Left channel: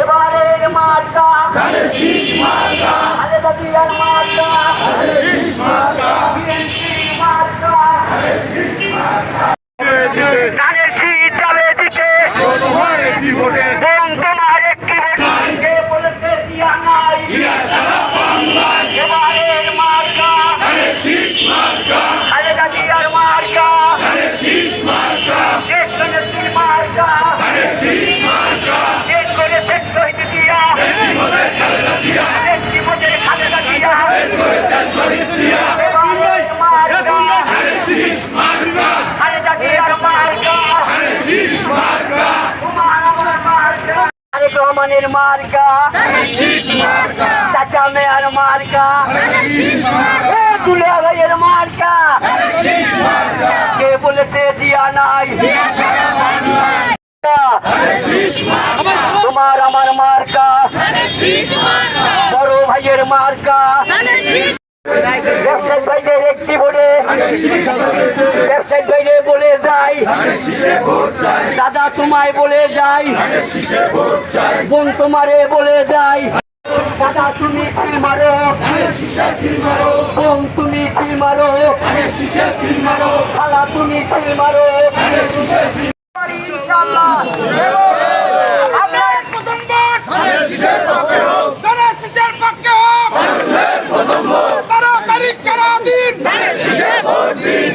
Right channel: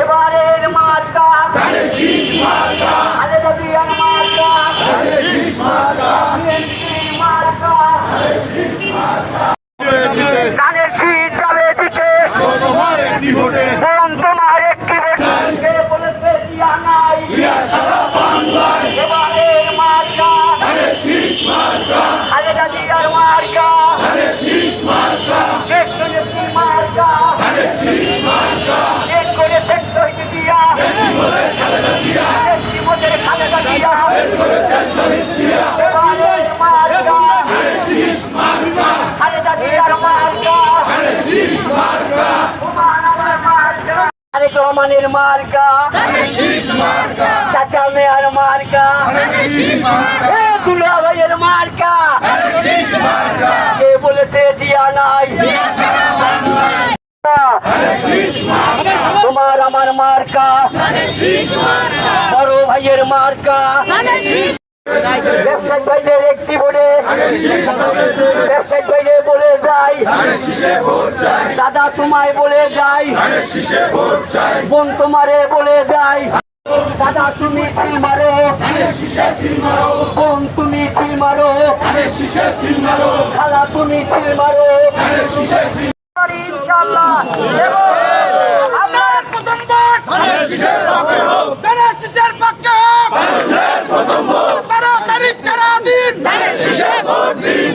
এবারের মার্কা খালেদা জিয়ার মার্কা বিএনপির মার্কা ধানের শীষ যাবে দিতে বরং তোমার একটি ভোটকে বলেছে দিয়া নাই এবারের মার্কা খালেদা জিয়ার মার্কা নেত্রীর মার্কা করে সেক্টর দিয়া খালেদা জিয়া এবারের মার্কা খালেদা জিয়ার মার্কা তারেক রহমানের মার্কা চাচা মেয়ার মার্কা দুলা ভাইয়ের মার্কা কে বলেছে দিয়া নাই তোমার আমার মার্কা বড় ভাইয়ের মার্কা ব্যবসায়িক ভাইদের একটি ভোটে ব্যবসায়িক ভাইদের বলে যাই দাদা তোমায় বলে যাই বোন তোমারে বলে যাই দাদা তুমি ছিল মারো বোন তুমি ছিল মারো খালা তুমি ছিল মারো ইনশাআল্লাহ এবং আমরা প্রথমবার শীষের পক্ষে হোক শীষের পক্ষে হোক 12 তারিখ সারা দিন শীষে ভোট দিন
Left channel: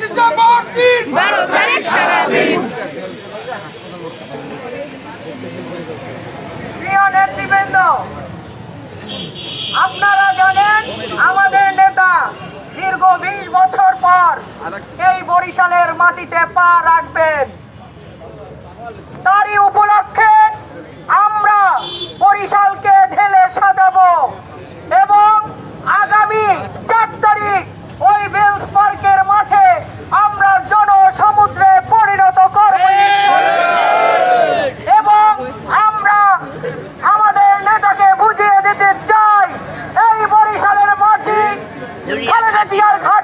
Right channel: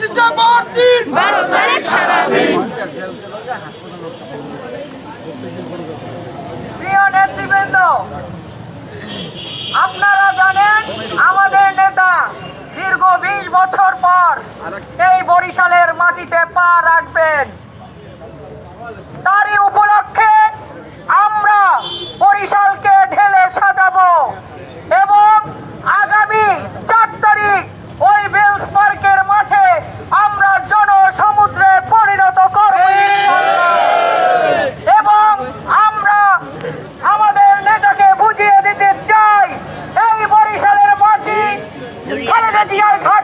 শীষে ভোট দিন 12 তারিখ সারা দিন। প্রিয় নেতৃবৃন্দ, আপনারা জানেন আমাদের নেতা দীর্ঘ 20 বছর পর এই বরিশালের মাটিতে পা রাখবেন। তারই উপলক্ষে আমরা বরিশালকে ঢেলে সাজাবো এবং আগামী 4 তারিখ ওই বেলস পার্কের মাঠে আমরা জনসমুদ্রে পরিণত করব এবং আমরা আমাদের নেতাকে বুঝিয়ে দিতে চাই এই বরিশালের মাটি খালেদা জিয়ার ঘাট